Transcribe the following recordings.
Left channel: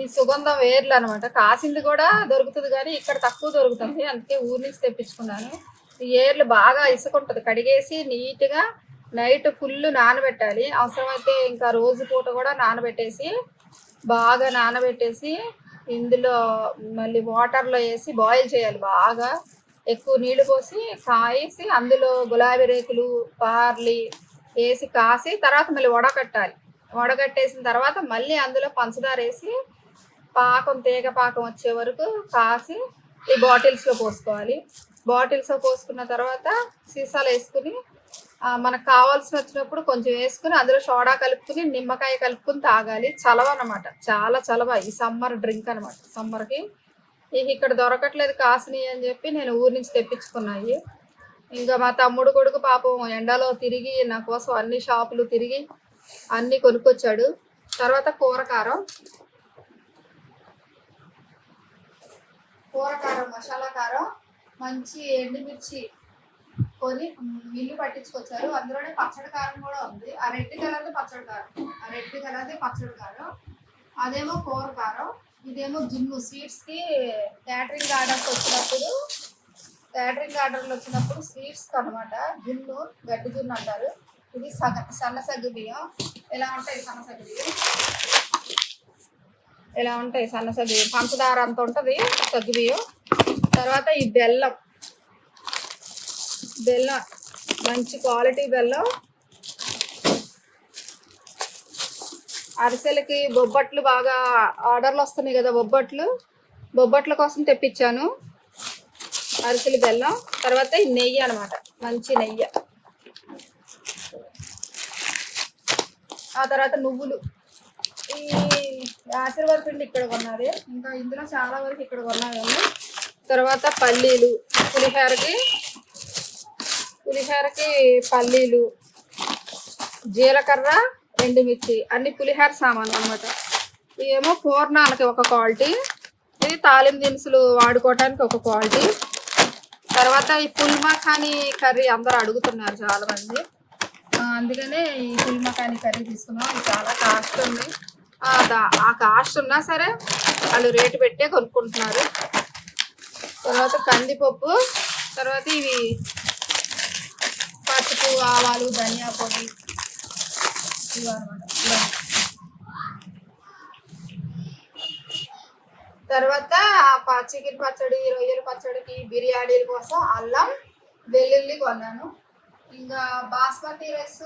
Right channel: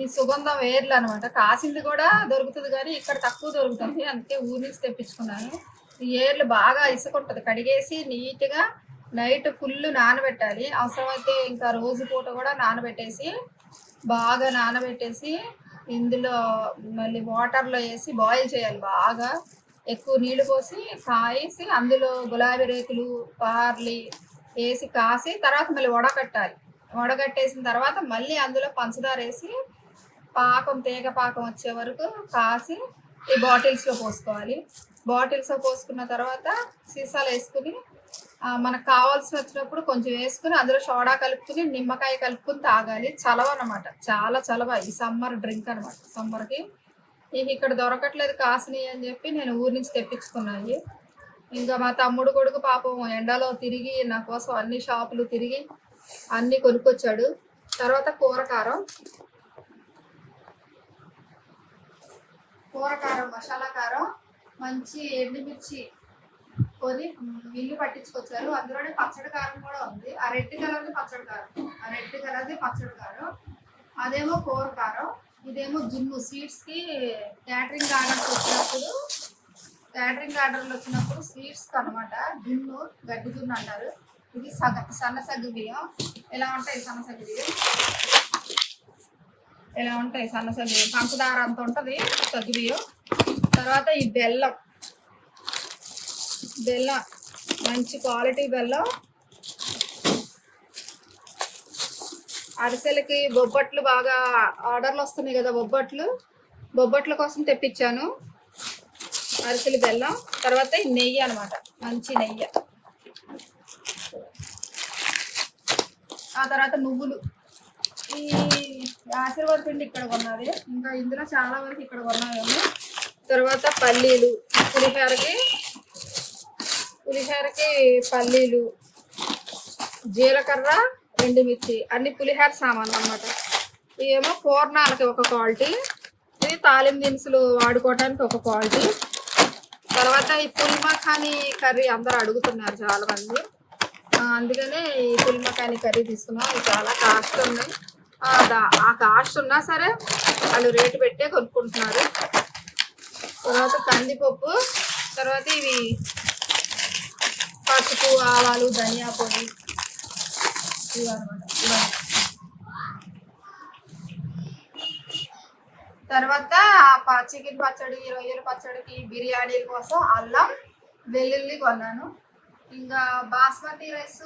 ఈ సుగంధం వేర్లు అనమాట. కాసింది కూడా దొరుకుతుంది కానీ ఇక్కడ తక్కువ దొరుకుతుంది, అందుకే ఊరి నుంచి తెప్పించుకున్నాను. ఈ ఏర్లు బాగా ఇసుకుంటుంది, కడిగేసి నీట్గా నైట్ ఫుల్ నానబెట్టాలి. అవసరమైతే ఇంకా రోజు పూట కూడా నానబెట్టేసి బాగా నానబెట్టేసి ఇందులో మళ్ళీ వాటర్లో వేసి బాయిల్ చేయాలి. బాగా ఎక్కువ నీళ్లు పోసి కాయేసి అందులో గులాబీ రేకులు పార్లీ వేసి కాసి తర్వాత మళ్ళీ వడకట్టాలి. వడగట్టేసిన తర్వాత మళ్ళీ అందులో పంచదార వేసి పాకం తీగ పాకం వచ్చే వరకు కాసి ఈ బాటిల్స్లో పోసుకోవాలి. బాటిల్స్లో పోసుకున్న తర్వాత సీసాలు వేసుకుని మనకు కావాల్సి వచ్చినప్పుడు కొంచెం వేసుకుని అందులో సోడా కలుపుకుని నిమ్మకాయ కలుపుకుని తాగాలి. చలవ అనమాట, చాలా చలవ. ఈ సమ్మర్ డ్రింక్ అనమాట. సమ్మర్కి ఇక ఇక్కడ దొరకట్లేదు కాసినవి అని చెప్పి నేను ఊరి నుంచి తెప్పించుకున్నాయి. ఇంకా మా తమ్ముడు కొడుకు పాపం ఎండలో తిరిగి నా కోసం అన్ని షాపులు తిరిగి అన్నీ కొనుక్కొచ్చాడు. తర్వాత కూరకారం మసాలా కారం మంచి ఎండుమిర్చి కొని మిల్లు పట్టించుకొచ్చారు. అందులోనే పచ్చడి కారం కూడా ఉంది. ఆ రెడ్ కలర్ది పచ్చడి కారం, అదేమో కూర కారం, ఇదేమో జున్ను. స్వీట్స్కి క్యాటరింగ్ ఆర్డర్లు వచ్చినప్పుడు స్వీట్స్కి అనమాట. జున్ను, గడ్డి జున్ను అంటారు. ఇది సన్న సగ్గు బియ్యం. ఎలా ఉంటాయి సన్న సగ్గు బియ్యం, పంచదార అంత ఉంటుంది సగ్గు బియ్యం. తర్వాత ఈ బెల్లం మంచి క్వాలిటీ బెల్లం. అరిసెలకి బొబ్బట్లు బాగా ఆర్డర్లు వస్తున్నాయి కదా, బొబ్బట్ల కోసం తెప్పించాను అరిసెలు బెల్లం. తర్వాత ఈ నెయ్యి అనమాట, మంచి నెయ్యి. ఆ తర్వాత నువ్వులు. ఈ ఆశీర్వాద పిండి ఇక్కడ కొన్నది, ఇంకా ఇందులో చాలా వరకు ఇక్కడ కొన్నాను. తర్వాత పల్లీలు, పులిహోరకి పల్లీలు, జీలకర్ర, ఎండుమిర్చి, అన్ని పులిహోర సామాన్లు అనమాట. ఇవేమో పూర్ణాలకి ఒక క్వాలిటీ, ఇది తాలింపు దినుసులు వాడుకోవడానికి ఒక క్వాలిటీ. తర్వాత ఈ పుల్మఖానీ కర్రీ అందరూ అడుగుతున్నారు చాలా మంది, అందుకనే ఈ పుల్మఖానీ కర్రీ తీసుకున్నాం. ఇది చాలా కాస్ట్ ఉంది. ఆ కాస్ట్ ఉన్నా సరే వాళ్ళు రేటు పెట్టే కొనుక్కుంటున్నారు. తర్వాత కందిపప్పు, తర్వాత ఇవి పసుపు, ఆవాలు, ధనియా పొడి, ఇవి అనమాట. తర్వాత చికెన్ పచ్చడి, రొయ్యల పచ్చడికి, బిర్యానీల కోసం అల్లం వెల్లుల్లి కొన్నాను. ఇంకా బాస్మతి రైస్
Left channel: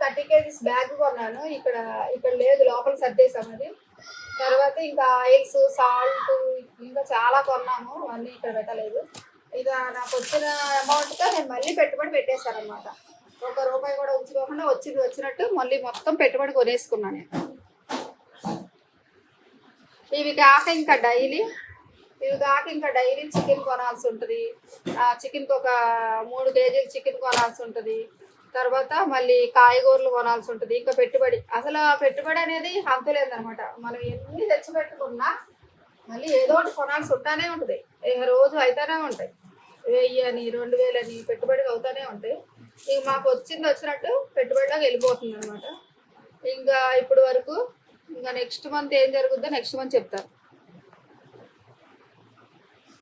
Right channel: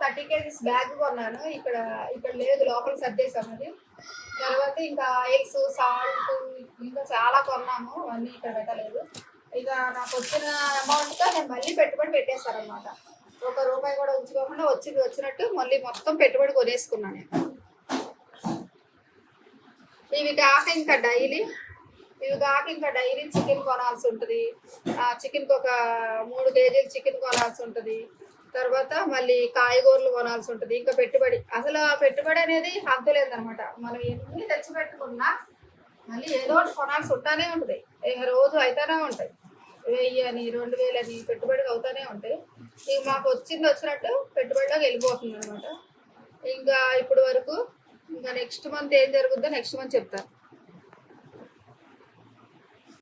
30 kgs బ్యాగ్ కొన్నాను. ఇక్కడ లేదు, లోపల సర్దేశాం అది. తర్వాత ఇంకా ఆయిల్స్, సాల్ట్, ఇంకా చాలా కొన్నాము, అన్నీ ఇక్కడ పెట్టలేదు. ఇక నాకు వచ్చిన అమౌంట్తో నేను మళ్ళీ పెట్టుబడి పెట్టేశాను అనమాట. ₹1 కూడా ఉంచుకోకుండా వచ్చినట్టు మళ్ళీ మొత్తం పెట్టుబడి కొనేసుకున్నాను. ఇవి కాక ఇంకా డైలీ చికెన్ కొనాల్సి ఉంటుంది. చికెన్కి ఒక 3 kg చికెన్ కొనాల్సి ఉంటుంది. తర్వాత మళ్ళీ కాయగూరలు కొనాల్సి ఉంటుంది. ఇంకా అసలు పెట్టుబడి అనేది అంతలేదన్నమాట. మనం ఎన్ని తెచ్చి పెట్టుకున్నా మళ్ళీ ఏదో ఒకటి కొనాల్సి ఉంటానే ఉంటుంది. రోజు అవుతానే ఉంటాయి. 1000 అని 2000 అని పెట్టుబడి అవుతానే ఉంటాయి. ఇక మాకు వచ్చినట్టు పెట్టుబడిలోకి వెళ్ళిపోతుంది అనమాట. ఇంకా ఇప్పుడు వరకు ఇంకా నెక్స్ట్ మంత్ ఏం జరుగుతుందో నెక్స్ట్ మంత్ చెప్తాను.